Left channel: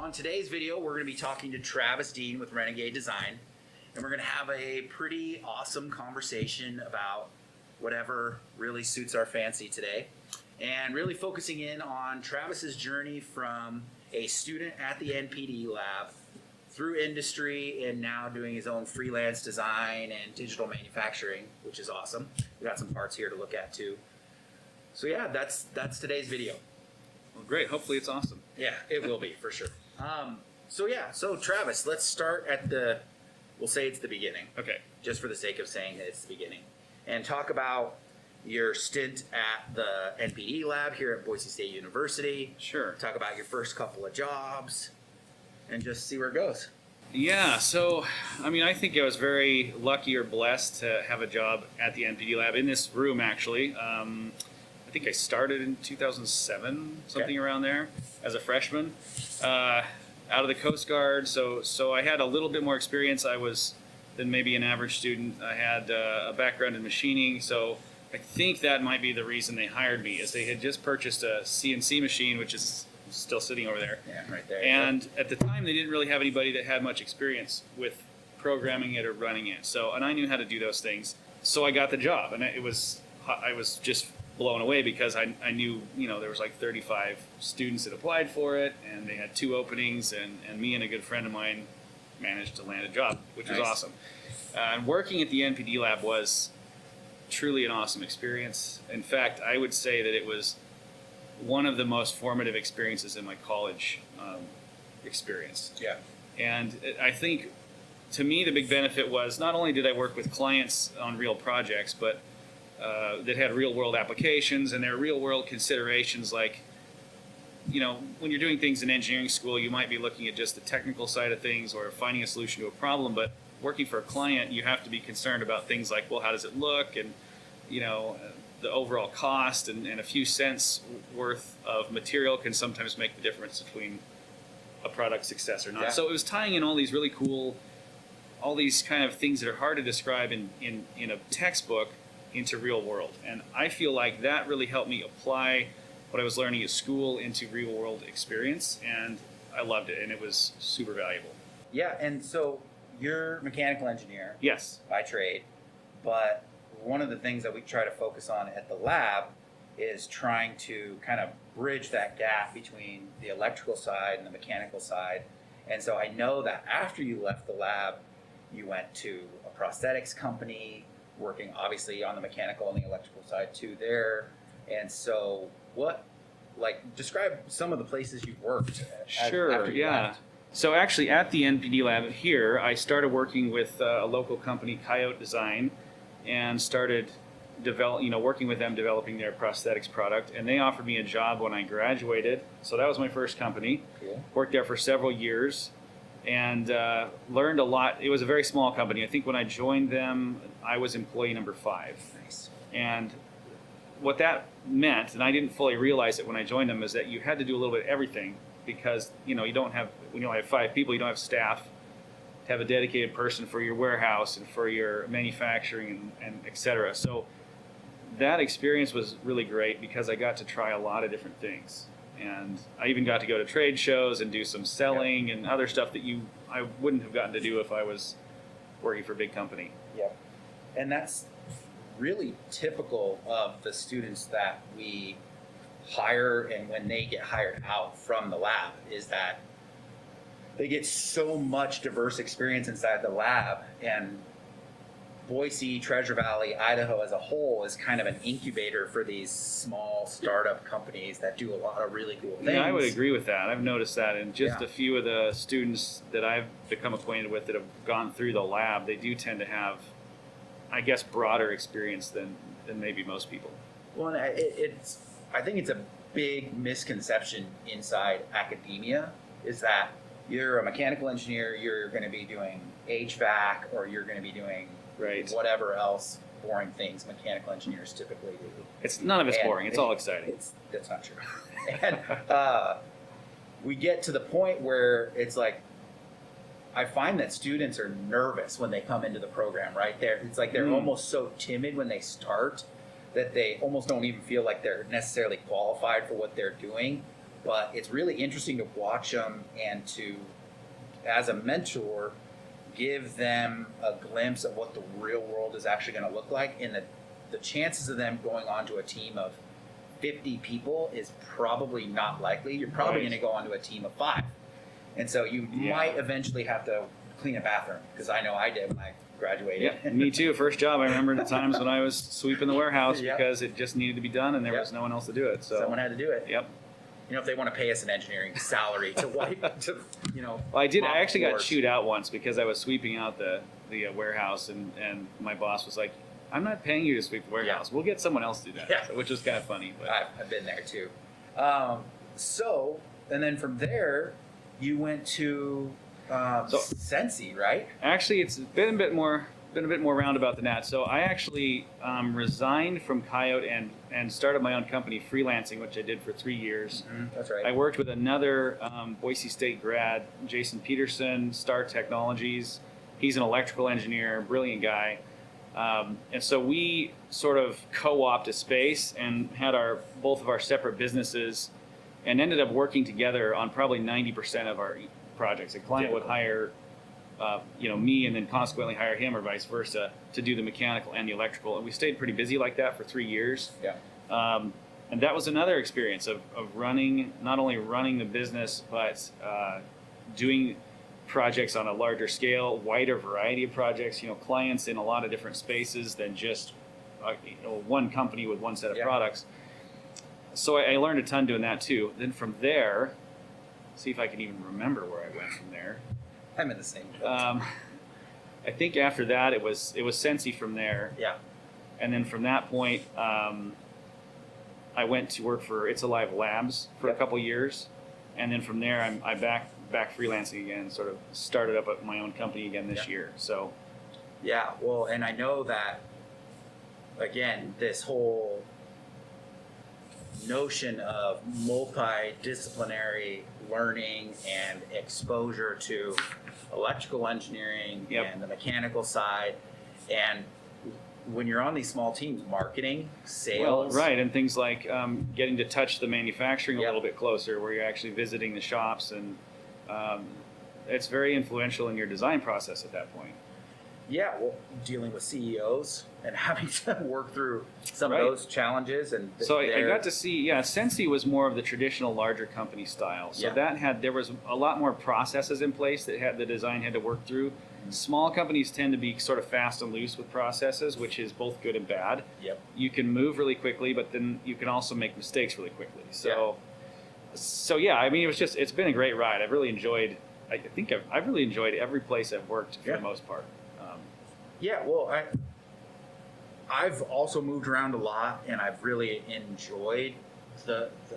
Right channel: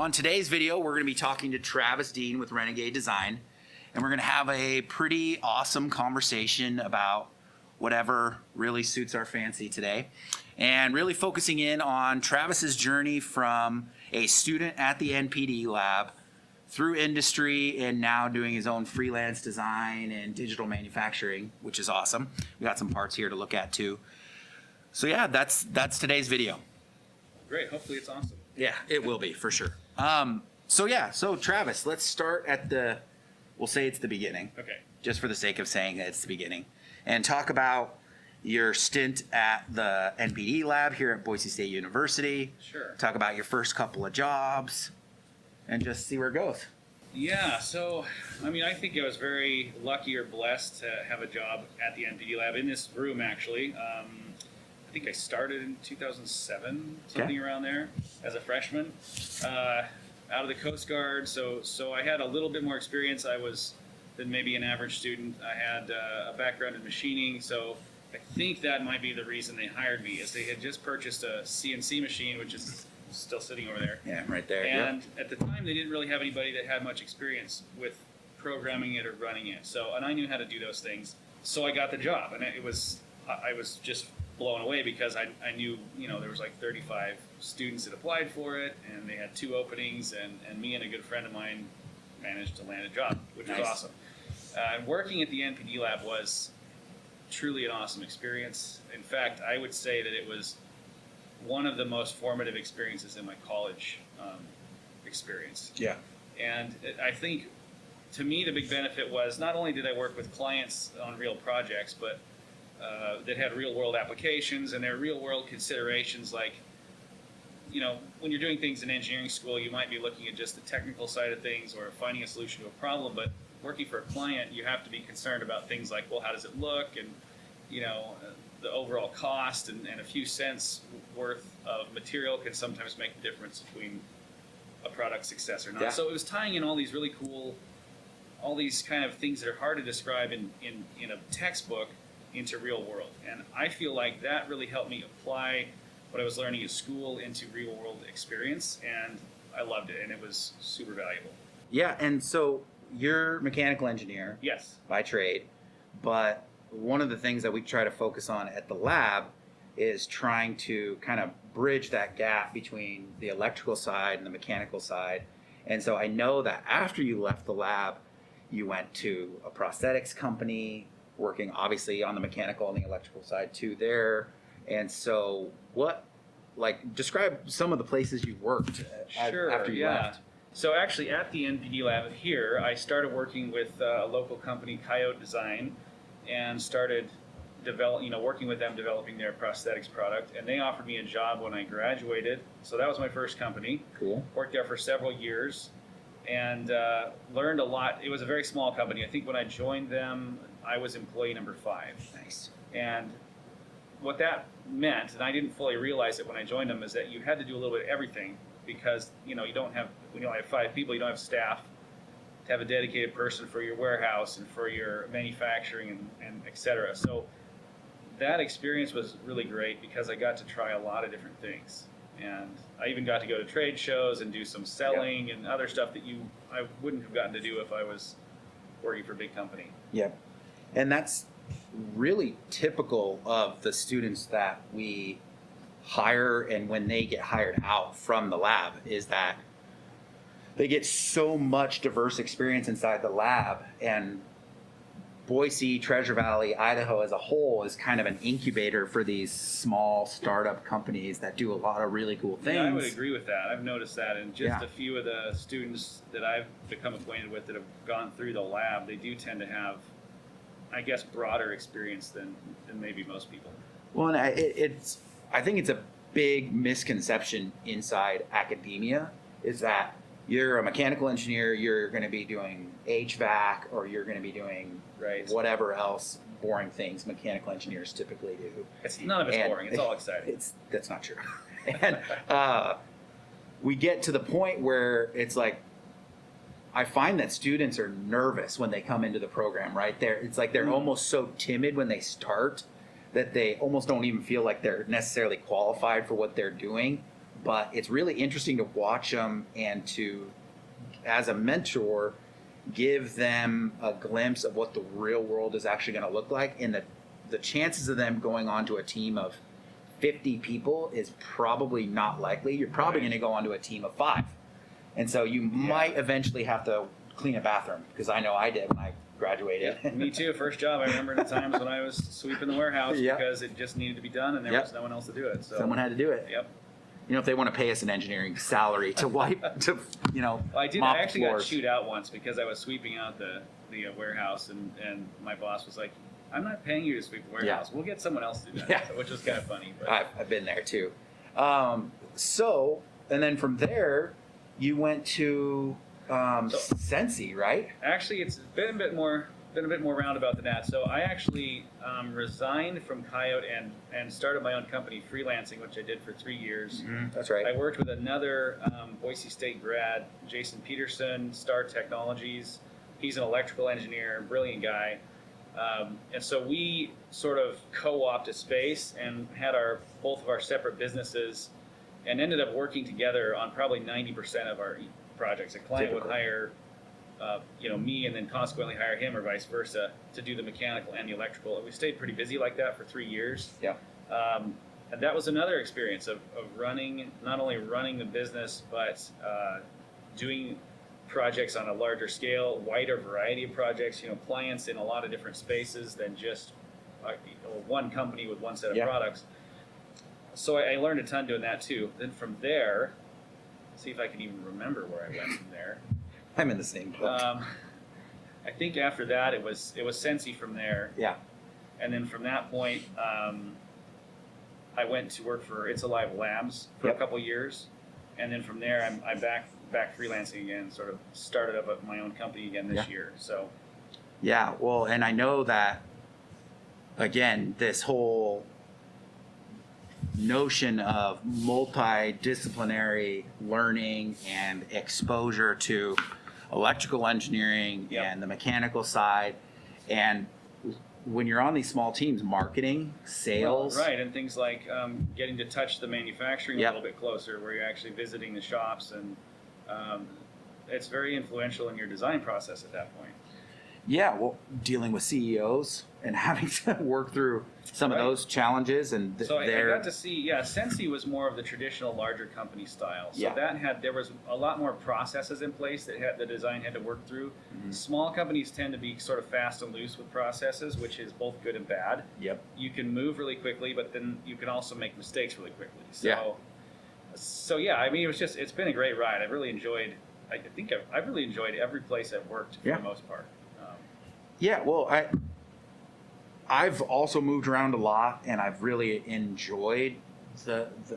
On today's video, we're going to be talking to Travis Dean with Renegade Design, and we're going to have a pretty awesome conversation about whatever really suits our fancy today, and really focusing in on Travis's journey from a student at the NPD lab through industry and now doing his own freelance design and digital manufacturing, which is awesome. We got some parts here to look at too. So yeah, that's today's video. Well, great. Hopefully it's awesome. Yeah, it will be for sure. So Travis, let's start at we'll say it's the beginning. Okay. Just for the sake of saying that it's the beginning. And talk about your stint at the NPD lab here at Boise State University. Sure. Talk about your first couple of jobs and just see where it goes. Yeah, so, I think I was very lucky or blessed to have a job at the NPD lab in this room, actually. I think I started in 2007, something around there, as a freshman, out of the Coast Guard. So I had a little bit more experience than maybe an average student. I had a background in machining, so I think that might be the reason they hired me, is they had just purchased a CNC machine, which is still sitting over there. Yeah, right there. And at the time, they didn't really have anybody that had much experience with programming it or running it. And I knew how to do those things. So I got the job, and I was just blown away because I knew, there was like 35 students that applied for it, and they had 2 openings, and me and a good friend of mine managed to land a job, which was awesome. And working at the NPD lab was truly an awesome experience. In fact, I would say that it was one of the most formative experiences in my college experience. Yeah. And I think, to me, the big benefit was not only did I work with clients on real projects, but that had real-world applications, and there are real-world considerations like, when you're doing things in engineering school, you might be looking at just the technical side of things or finding a solution to a problem, but working for a client, you have to be concerned about things like, well, how does it look, and, the overall cost, and a few cents worth of material can sometimes make the difference between a product success or not. Yeah. So it was tying in all these really cool, all these kind of things that are hard to describe in a textbook into real world. And I feel like that really helped me apply what I was learning at school into real world experience, and I loved it, and it was super valuable. Yeah, and so you're a mechanical engineer. Yes. By trade, but one of the things that we try to focus on at the lab is trying to kind of bridge that gap between the electrical side and the mechanical side. And so I know that after you left the lab, you went to a prosthetics company, working obviously on the mechanical and the electrical side too there. And so describe some of the places you worked after you left. So actually at the NPD lab here, I started working with a local company, Coyote Design, and started working with them developing their prosthetics product. And they offered me a job when I graduated. So that was my first company. Cool. Worked there for several years and learned a lot. It was a very small company. I think when I joined them, I was employee number 5. Nice. And what that meant, and I didn't fully realize it when I joined them, is that you had to do a little bit of everything because, you don't have, when you only have 5 people, you don't have staff to have a dedicated person for your warehouse and for your manufacturing and et cetera. So that experience was really great because I got to try a lot of different things. And I even got to go to trade shows and do some selling and other stuff that I wouldn't have gotten to do if I was working for a big company. Yeah. And that's really typical of the students that we hire, and when they get hired out from the lab, is that they get so much diverse experience inside the lab, and Boise, Treasure Valley, Idaho as a whole is kind of an incubator for these small startup companies that do a lot of really cool things. Yeah, I would agree with that. I've noticed that in just Yeah. a few of the students that I've become acquainted with that have gone through the lab, they do tend to have, I guess, broader experience than maybe most people. Well, and I think it's a big misconception inside academia is that you're a mechanical engineer, you're going to be doing HVAC, or you're going to be doing whatever else boring things mechanical engineers typically do. None of it's boring. It's all exciting. That's not true. And we get to the point where it's like, I find that students are nervous when they come into the program, right? It's like they're almost so timid when they start that they almost don't even feel like they're necessarily qualified for what they're doing. but it's really interesting to watch them and to, as a mentor, give them a glimpse of what the real world is actually going to look like. And the chances of them going on to a team of 50 people is probably not likely. You're probably going to go onto a team of 5. And so you might eventually have to clean a bathroom, because I know I did when I graduated. Yeah, me too. First job, I remember the times when I was sweeping the warehouse Yep. because it just needed to be done and there was no one else to do it. So Someone had to do it. Yep. You know, if they want to pay us an engineering salary to wipe, to, you know, Well, I did. mop I actually got floors. chewed out once because I was sweeping out the warehouse, and my boss was like, "I'm not paying you to sweep the warehouse. We'll get someone else to do that." Yeah. So, which was kind of funny. But I've been there too. So, and then from there, you went to Sensi, right? actually, it's been a bit more roundabout than that. So I actually resigned from Coyote and started my own company, freelancing, which I did for 3 years. That's right. I worked with another Boise State grad, Jason Peterson, Star Technologies. He's an electrical engineer, brilliant guy. And so we sort of co-opted a space and had both of our separate businesses, and ended up working together on probably 90% of our projects. A client would hire me, and then consequently hire him, or vice versa, to do the mechanical and the electrical. And we stayed pretty busy like that for 3 years. Yeah. And that was another experience of not only running the business, but doing projects on a larger scale, wider variety of projects, clients in a lot of different spaces than just one company with one set of products. So I learned a ton doing that too. Then from there, see if I can even remember where I went from there. I'm in the same boat. I think after that it was Sensi from there. Yeah. And then from that point, I went to work for It's Alive Labs for a couple years, and then from there I back freelancing again. Sort of started up my own company again this year. So Yeah. Well, and I know that again, this whole notion of multidisciplinary learning and exposure to electrical engineering and the mechanical side, and when you're on these small teams, marketing, sales, right, and things like getting to touch the manufacturing a little bit closer, where you're actually visiting the shops, and it's very influential in your design process at that point. Yeah, well, dealing with CEOs and having to work through some of those challenges, and so I got to see. Sensi was more of the traditional larger company style. So there was a lot more processes in place that the design had to work through. Small companies tend to be sort of fast and loose with processes, which is both good and bad. Yep. You can move really quickly, but then you can also make mistakes really quickly. So I mean, it's been a great ride. I've really enjoyed. I've really enjoyed every place I've worked for the most part. Yeah, well, I've also moved around a lot, and I've really enjoyed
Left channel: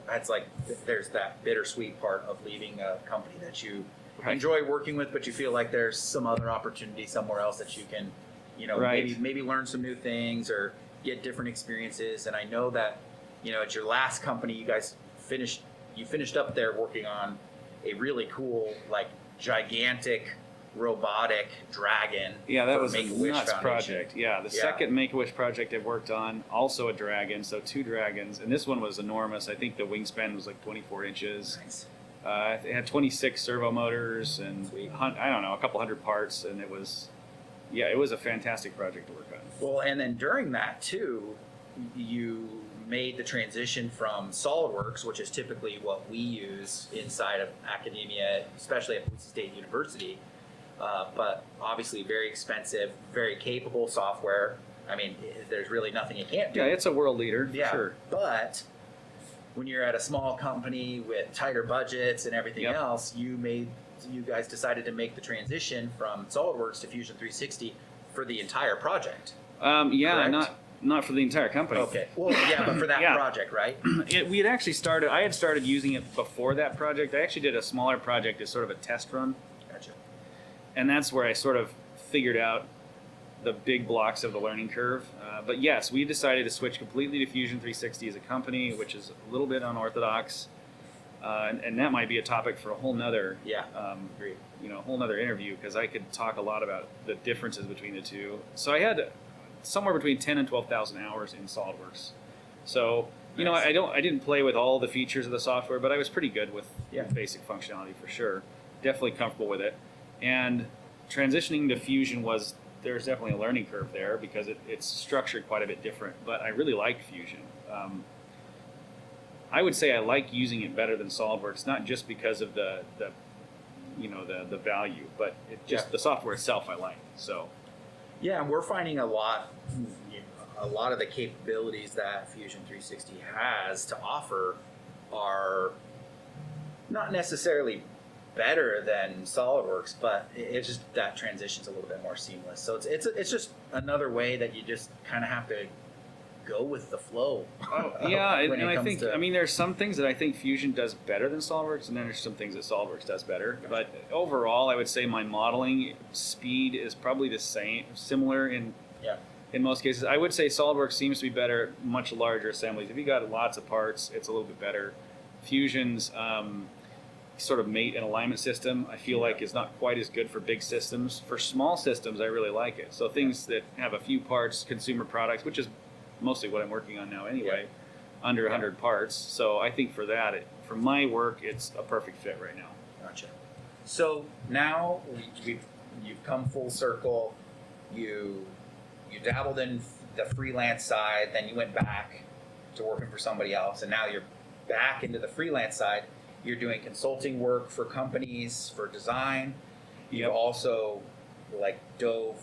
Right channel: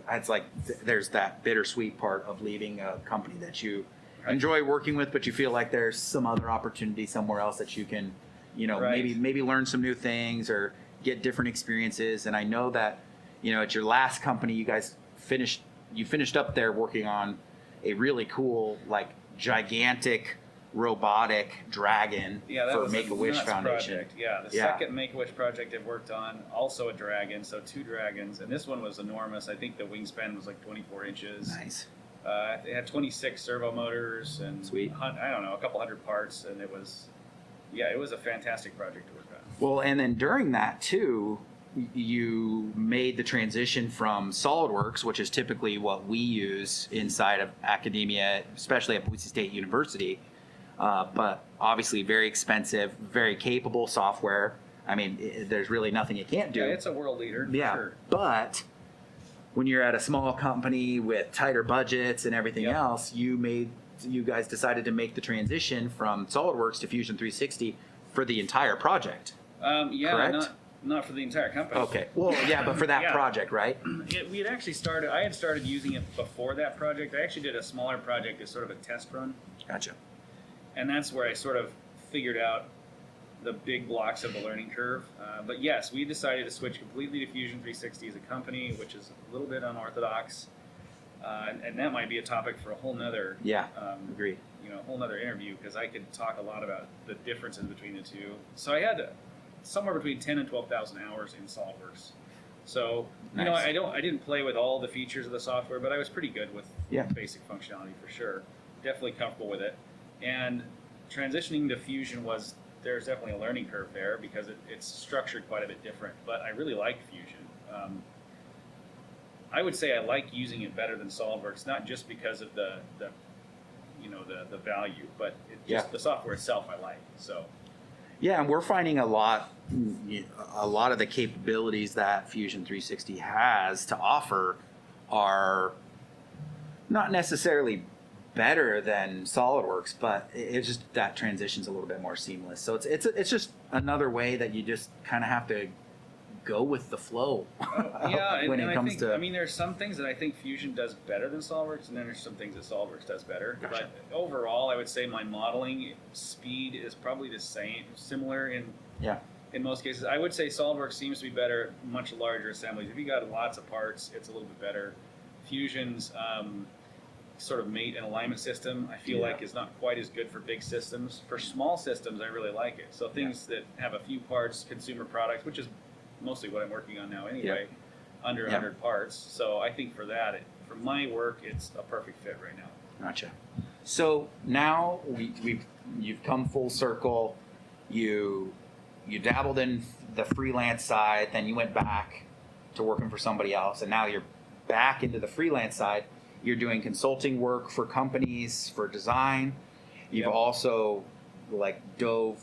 it's like there's that bittersweet part of leaving a company that you enjoy working with, but you feel like there's some other opportunity somewhere else that you can, maybe learn some new things or get different experiences. And I know that, at your last company, you guys finished up there working on a really cool, like, gigantic robotic dragon. Yeah, that for was Make-A-Wish a nuts Foundation. project. Yeah, the second Make-A-Wish project I've worked on, also a dragon, so 2 dragons, and this one was enormous. I think the wingspan was like 24 inches. Nice. It had 26 servo motors and a couple hundred parts, and it was a fantastic project to work on. Well, and then during that too, you made the transition from SolidWorks, which is typically what we use inside of academia, especially at Boise State University, but obviously very expensive, very capable software. I mean, there's really nothing you can't do. Yeah, it's a world leader, for Yeah, sure. but when you're at a small company with tighter budgets and everything else, you guys decided to make the transition from SolidWorks to Fusion 360 for the entire project. Correct? Not for the entire company. Okay. Well, yeah, but for that project, right? We had actually started. I had started using it before that project. I actually did a smaller project as sort of a test run. Gotcha. And that's where I sort of figured out the big blocks of the learning curve. But yes, we decided to switch completely to Fusion 360 as a company, which is a little bit unorthodox. And that might be a topic for a whole nother, agree. A whole nother interview, because I could talk a lot about the differences between the two. So I had somewhere between 10 and 12,000 hours in SolidWorks. So You know, Nice. I didn't play with all the features of the software, but I was pretty good with Yeah. basic functionality for sure. Definitely comfortable with it. And transitioning to Fusion there's definitely a learning curve there because it's structured quite a bit different. But I really like Fusion. I would say I like using it better than SolidWorks, not just because of the value, but the software itself I like. So Yeah, and we're finding a lot of the capabilities that Fusion 360 has to offer are not necessarily better than SolidWorks, but it's just that transition's a little bit more seamless. So it's just another way that you just kind of have to go with the flow. yeah, when and it I comes think to there's some things that I think Fusion does better than SolidWorks, and then there's some things that SolidWorks does better. Gotcha. But overall, I would say my modeling speed is probably the same, similar in most cases. I would say SolidWorks seems to be better at much larger assemblies. If you got lots of parts, it's a little bit better. Fusion's sort of mate and alignment system, I feel like is not quite as good for big systems. For small systems, I really like it. So things that have a few parts, consumer products, which is mostly what I'm working on now anyway, under 100 parts. So I think for that, for my work, it's a perfect fit right now. Gotcha. So now you've come full circle. You dabbled in the freelance side, then you went back to working for somebody else, and now you're back into the freelance side. You're doing consulting work for companies for design. You've also dove,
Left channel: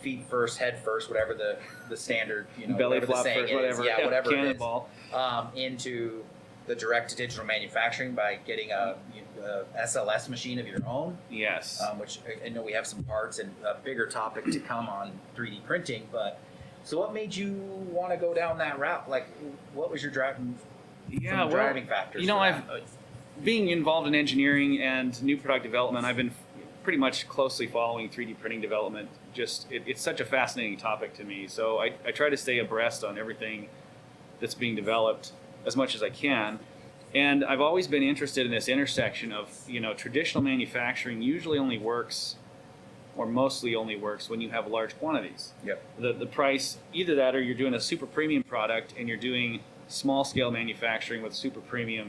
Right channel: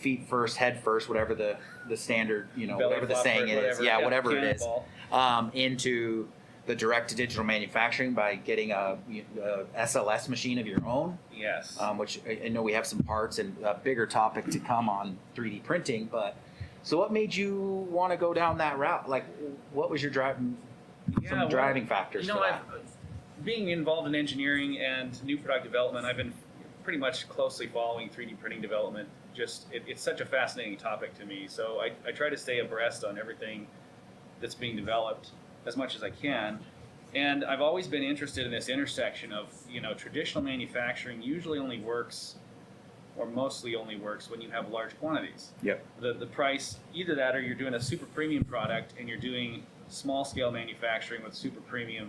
feet first, head first, whatever the standard, Belly whatever the flop saying first, is, whatever. whatever it is, Cannonball. into the direct to digital manufacturing by getting a SLS machine of your own. Yes. Which I know we have some parts and a bigger topic to come on 3D printing. But so, what made you want to go down that route? Like, what was your driving factors? Being involved in engineering and new product development, I've been pretty much closely following 3D printing development. It's such a fascinating topic to me. So I try to stay abreast on everything that's being developed as much as I can. And I've always been interested in this intersection of, traditional manufacturing usually only works, or mostly only works, when you have large quantities. Yep. The price, either that or you're doing a super premium product and you're doing small scale manufacturing with super premium,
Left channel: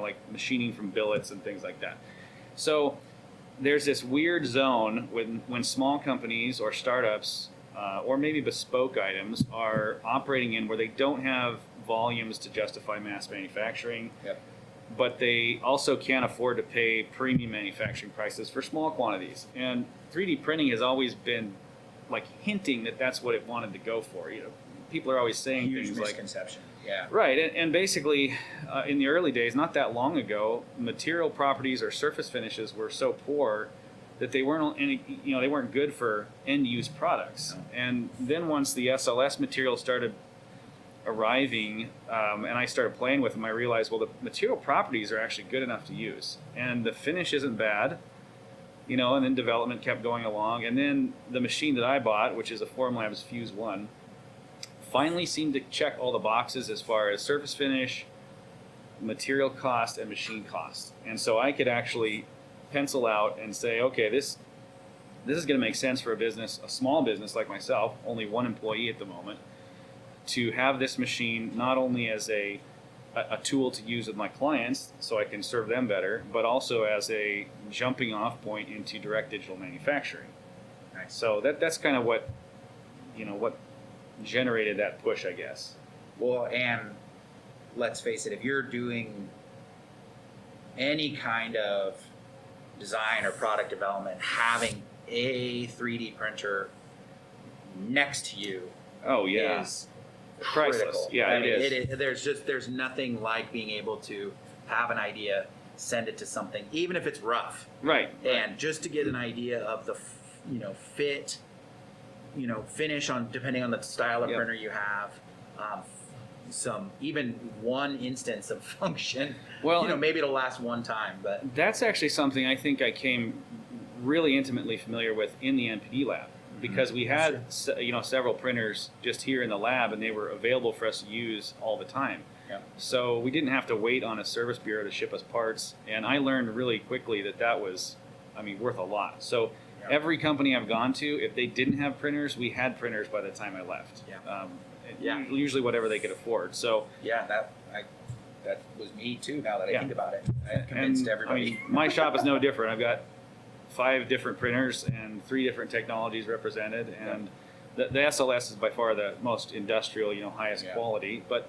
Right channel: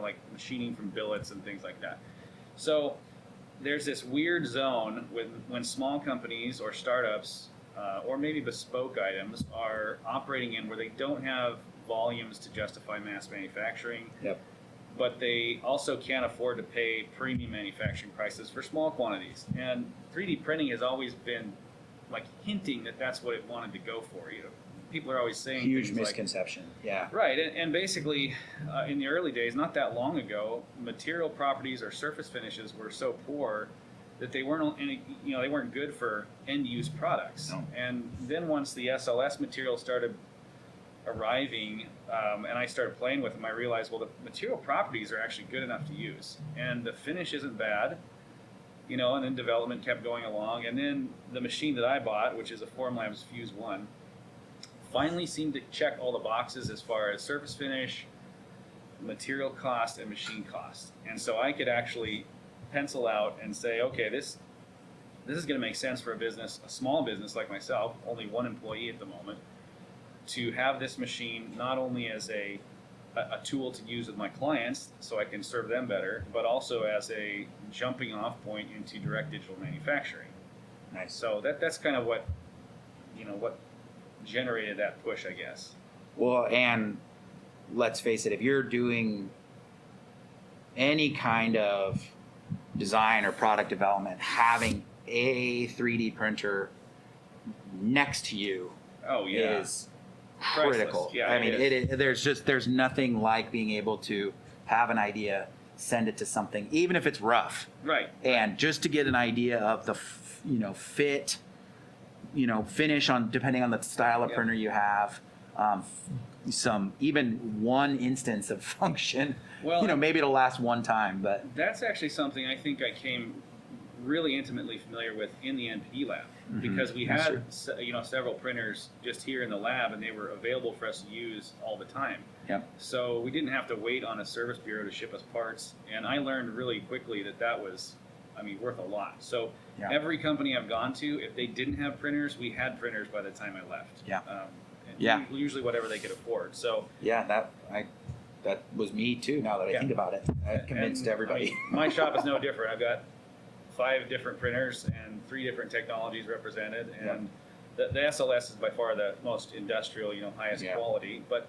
like machining from billets and things like that. So there's this weird zone when small companies or startups or maybe bespoke items are operating in where they don't have volumes to justify mass manufacturing, but they also can't afford to pay premium manufacturing prices for small quantities. And 3D printing has always been hinting that that's what it wanted to go for. People are always saying Huge things misconception. Yeah. Right, and basically, in the early days, not that long ago, material properties or surface finishes were so poor that they weren't they weren't good for end use products. No. And then once the SLS material started arriving, and I started playing with them, I realized, well, the material properties are actually good enough to use, and the finish isn't bad. And then development kept going along, and then the machine that I bought, which is a Formlabs Fuse 1, finally seemed to check all the boxes as far as surface finish, material cost, and machine cost. And so I could actually pencil out and say, okay, this is going to make sense for a small business like myself, only one employee at the moment, to have this machine not only as a tool to use with my clients so I can serve them better, but also as a jumping off point into direct digital manufacturing. Nice. So that's kind of what generated that push, I guess. Well, and let's face it, if you're doing any kind of design or product development, having a 3D printer next to you is critical. Yeah, I mean, there's nothing like being able to have an idea, send it to something, even if it's rough. Right. And just to get an idea of the fit, finish on depending on the style of printer you have, even one instance of function. Well, maybe it'll last one time, but that's actually something I think I came really intimately familiar with in the NPD lab, because we had several printers just here in the lab, and they were available for us to use all the time. Yeah. So we didn't have to wait on a service bureau to ship us parts, and I learned really quickly that was, worth a lot. So every company I've gone to, if they didn't have printers, we had printers by the time I left. Yeah. Yeah. Usually whatever they could afford. So Yeah, that was me too. Now that I Yeah. think about it, I convinced everybody. I mean, my shop is no different. I've got 5 different printers and 3 different technologies represented, and the SLS is by far the most industrial, highest quality. But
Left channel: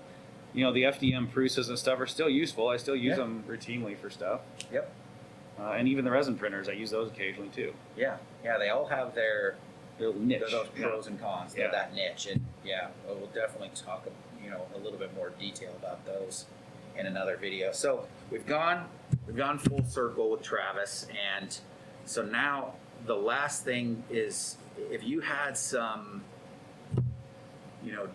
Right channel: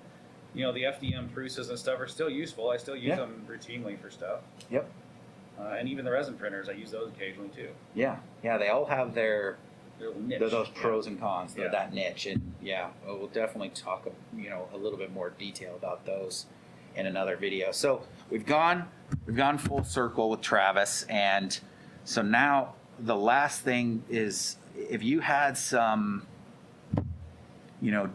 the FDM Prusas and stuff are still useful. I still use them routinely for stuff. Yep. And even the resin printers, I use those occasionally too. Yeah, they all have their niche. those pros and cons, Yeah. that niche, and we'll definitely talk a little bit more detail about those in another video. So we've gone full circle with Travis, and so now the last thing is if you had some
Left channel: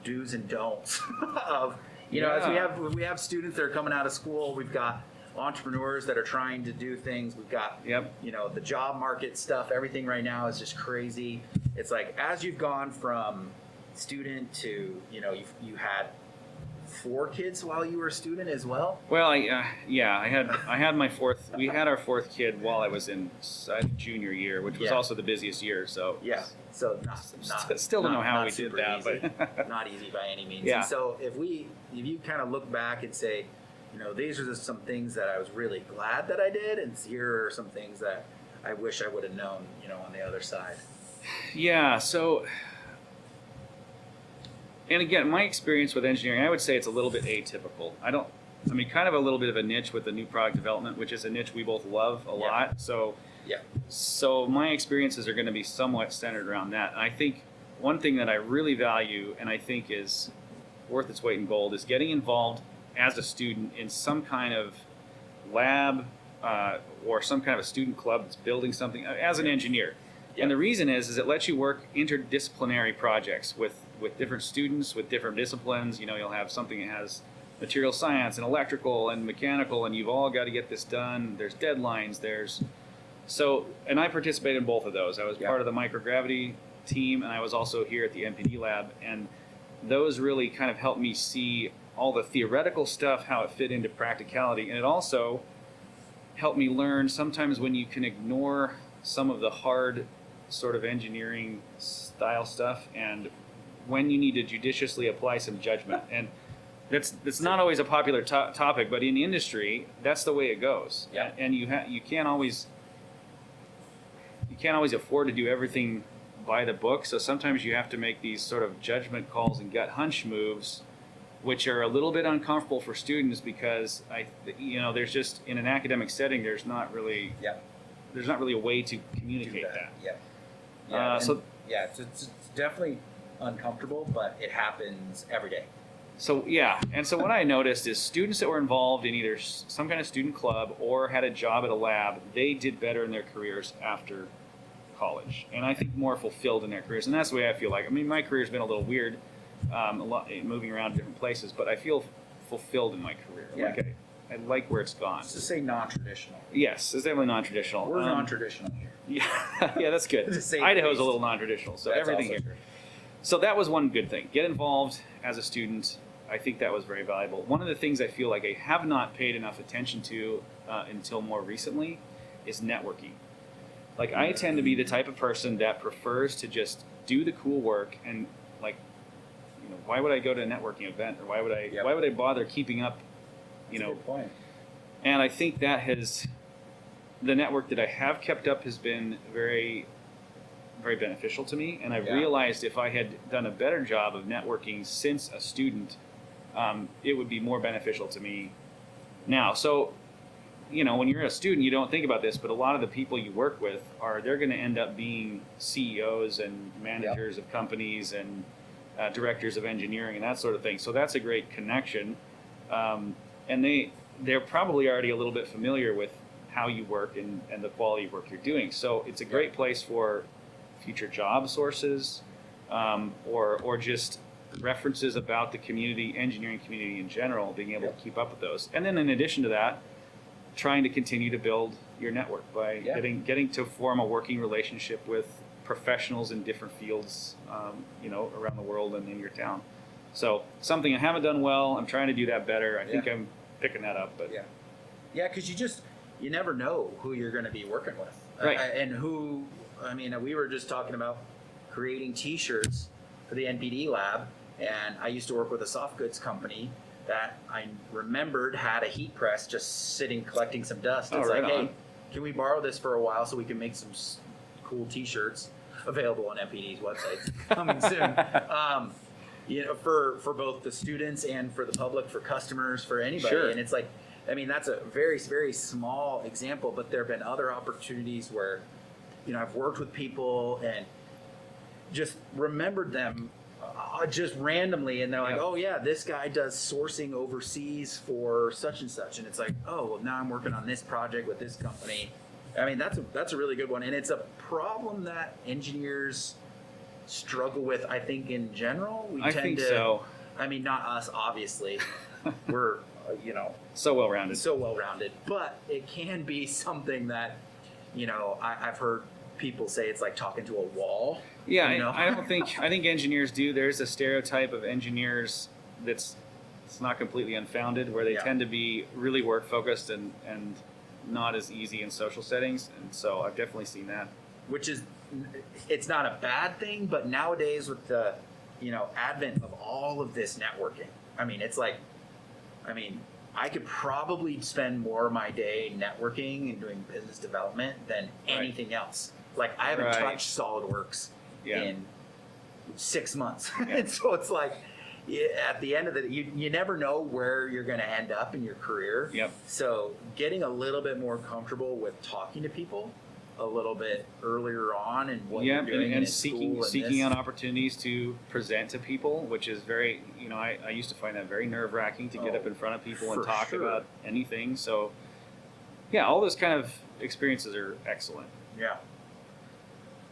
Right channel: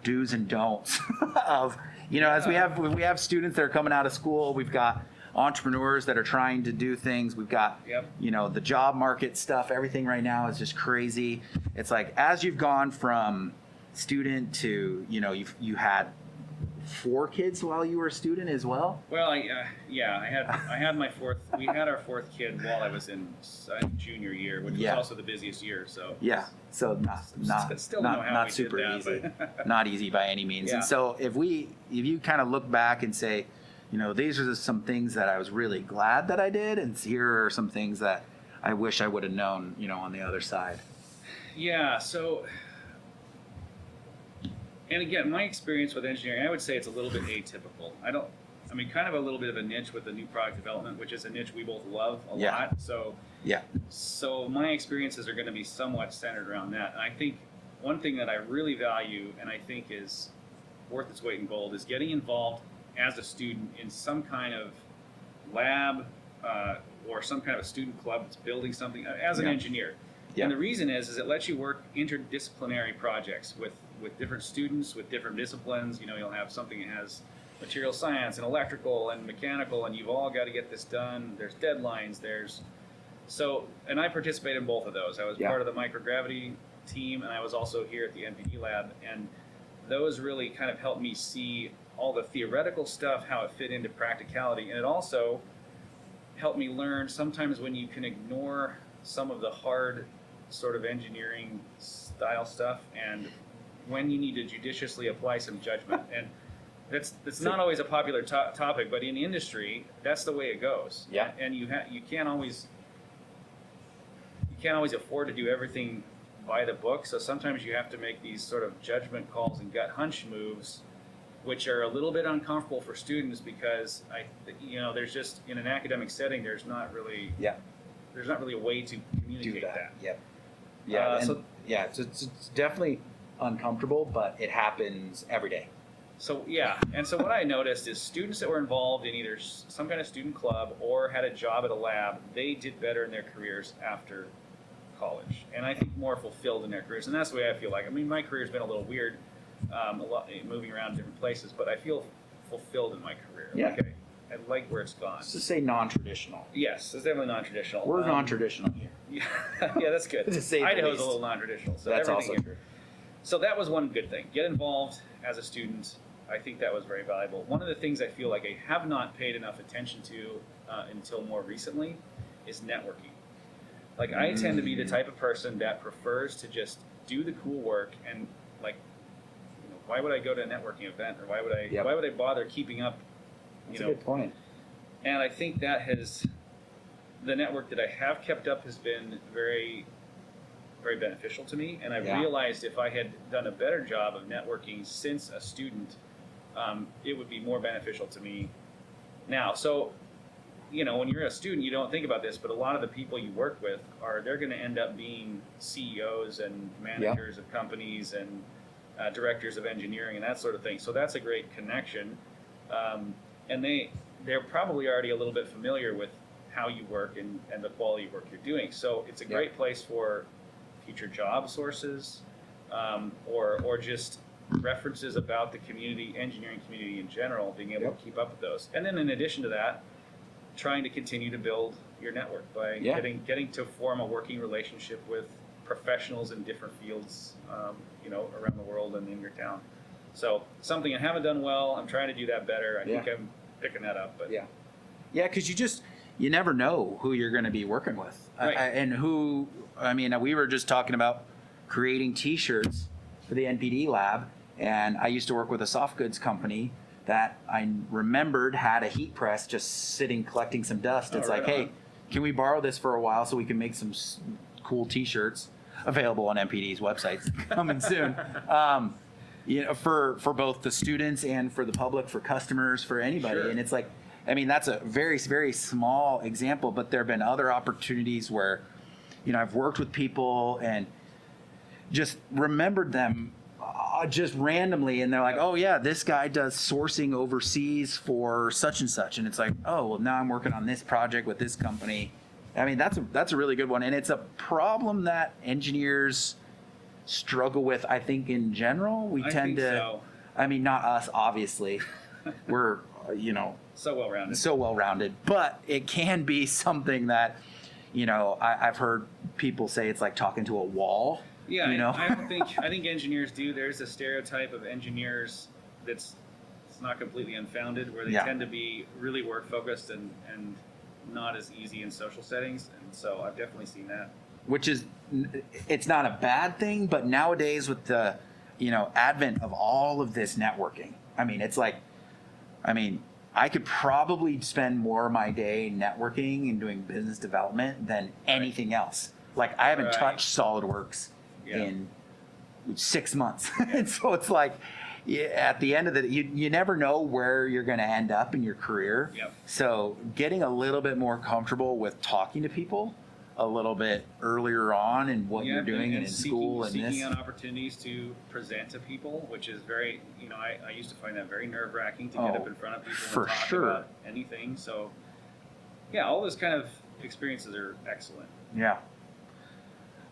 do's and don'ts of as we have students that are coming out of school, we've got entrepreneurs that are trying to do things, we've got the job market stuff, everything right now is just crazy. It's like as you've gone from student to you had 4 kids while you were a student as well. Well, I had my 4th. We had our 4th kid while I was in junior year, which was also the busiest year. So so not still don't know how we super did that, easy. Not easy by any means. Yeah. And so if you kind of look back and say, these are just some things that I was really glad that I did, and here are some things that I wish I would have known, on the other side. Yeah. So. And again, my experience with engineering, I would say it's a little bit atypical. Kind of a little bit of a niche with the new product development, which is a niche we both love a lot. So my experiences are going to be somewhat centered around that. And I think one thing that I really value and I think is worth its weight in gold is getting involved as a student in some kind of lab or some kind of a student club that's building something as an engineer. And the reason is it lets you work interdisciplinary projects with different students, with different disciplines. You'll have something that has material science and electrical and mechanical, and you've all got to get this done. There's deadlines, and I participated in both of those. I was part of the microgravity team, and I was also here at the NPD lab, and those really kind of helped me see all the theoretical stuff, how it fit into practicality, and it also helped me learn sometimes when you can ignore some of the hard sort of engineering style stuff, and when you need to judiciously apply some judgment. And it's not always a popular topic, but in industry, that's the way it goes. Yeah. And you can't always afford to do everything by the book. So sometimes you have to make these sort of judgment calls and gut hunch moves, which are a little bit uncomfortable for students because there's just in an academic setting, there's not really a way to communicate that. It's definitely uncomfortable, but it happens every day. So what I noticed is students that were involved in either some kind of student club or had a job at a lab, they did better in their careers after college, and I think more fulfilled in their careers. And that's the way I feel like. I mean, my career's been a little weird, a lot moving around different places, but I feel fulfilled in my career. Yeah. Like I like where it's gone. Let's just say non-traditional. Yes, it's definitely non-traditional. We're non-traditional here. Yeah, that's good. To say the Idaho's least. a little non-traditional, so That's everything also here. true. So that was one good thing. Get involved as a student. I think that was very valuable. One of the things I feel like I have not paid enough attention to until more recently is networking. Like I tend to be the type of person that prefers to just do the cool work and why would I go to a networking event or why would I bother keeping up? That's a good point. And I think that the network that I have kept up has been very, very beneficial to me. And I've realized if I had done a better job of networking since a student, it would be more beneficial to me now. So, when you're a student, you don't think about this, but a lot of the people you work with they're going to end up being CEOs and managers of companies and directors of engineering and that sort of thing. So that's a great connection. And they're probably already a little bit familiar with how you work and the quality of work you're doing. So it's a great place for future job sources or just references about the engineering community in general, being able to keep up with those. And then in addition to that, trying to continue to build your network by getting to form a working relationship with professionals in different fields, around the world and in your town. So something I haven't done well, I'm trying to do that better. I think I'm picking that up. But because you never know who you're going to be working with, right? We were just talking about creating T-shirts for the NPD lab, And I used to work with a soft goods company that I remembered had a heat press just sitting collecting some dust. Oh, It's right like, on. hey, can we borrow this for a while so we can make some cool T-shirts available on MPD's website coming soon? For both the students and for the public, for customers, for anybody. Sure. And it's like, I mean, that's a very, very small example, but there have been other opportunities where, I've worked with people and just remembered them just randomly, and they're like, Yep. oh yeah, this guy does sourcing overseas for such and such, and it's like, oh well, now I'm working on this project with this company. I mean, that's a really good one, and it's a problem that engineers struggle with. I think in general, we I tend think to. so. I mean, not us, obviously. We're So well rounded. so well rounded, but it can be something that I've heard people say it's like talking to a wall. Yeah, you know? I think engineers do. There's a stereotype of engineers it's not completely unfounded, where they Yeah. tend to be really work focused and not as easy in social settings. And so I've definitely seen that. Which is, it's not a bad thing, but nowadays with the advent of all of this networking, I could probably spend more of my day networking and doing business development than anything else. Like, I haven't Right. touched SolidWorks Yeah. in 6 months. And so it's like, at the end of the, you never know where you're going to end up in your career. Yep. So getting a little bit more comfortable with talking to people a little bit earlier on and what you're doing and in school and seeking this. out opportunities to present to people, which is very, I used to find that very nerve wracking to get up in front of people for and talk sure. about anything. So, yeah, all those kind of experiences are excellent. Yeah.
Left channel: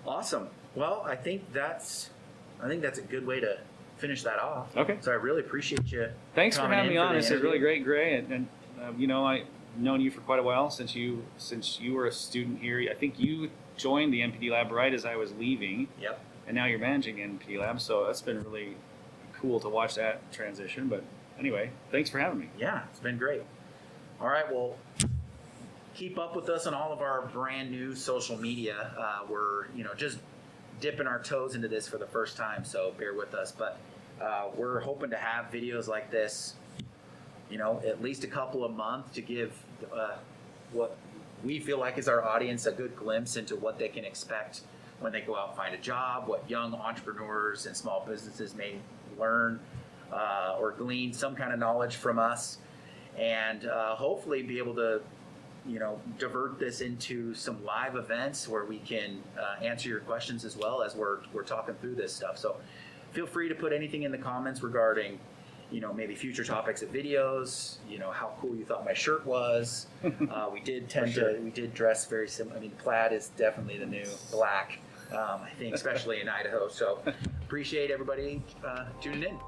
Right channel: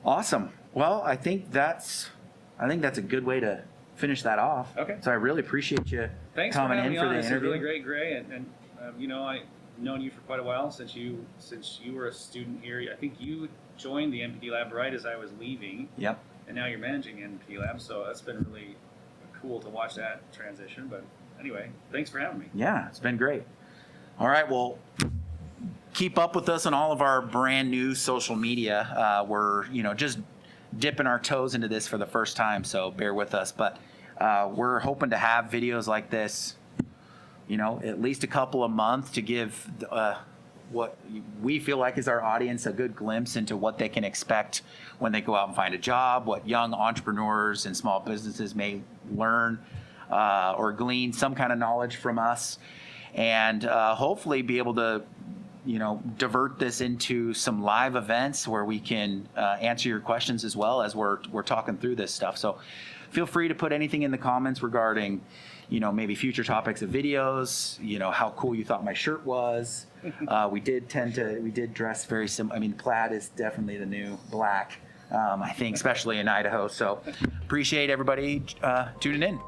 Awesome. Well, I think that's a good way to finish that off. Okay. So I really appreciate you. Thanks for coming having in me on. the This is interview. really great, Gray. And I've known you for quite a while since you were a student here. I think you joined the MPD lab right as I was leaving, Yep. and now you're managing MPD lab. So that's been really cool to watch that transition. But anyway, thanks for having me. Yeah, it's been great. All right. Well, keep up with us on all of our brand new social media. We're just dipping our toes into this for the first time, so bear with us. But we're hoping to have videos like this, at least a couple a month to give what we feel like is our audience a good glimpse into what they can expect when they go out and find a job, what young entrepreneurs and small businesses may learn or glean some kind of knowledge from us, and hopefully be able to divert this into some live events where we can answer your questions as well as we're talking through this stuff. So feel free to put anything in the comments regarding maybe future topics of videos, how cool you thought my shirt was. We did dress very similar. I mean, plaid is definitely the new black, I think, especially in Idaho. So appreciate everybody tuning in.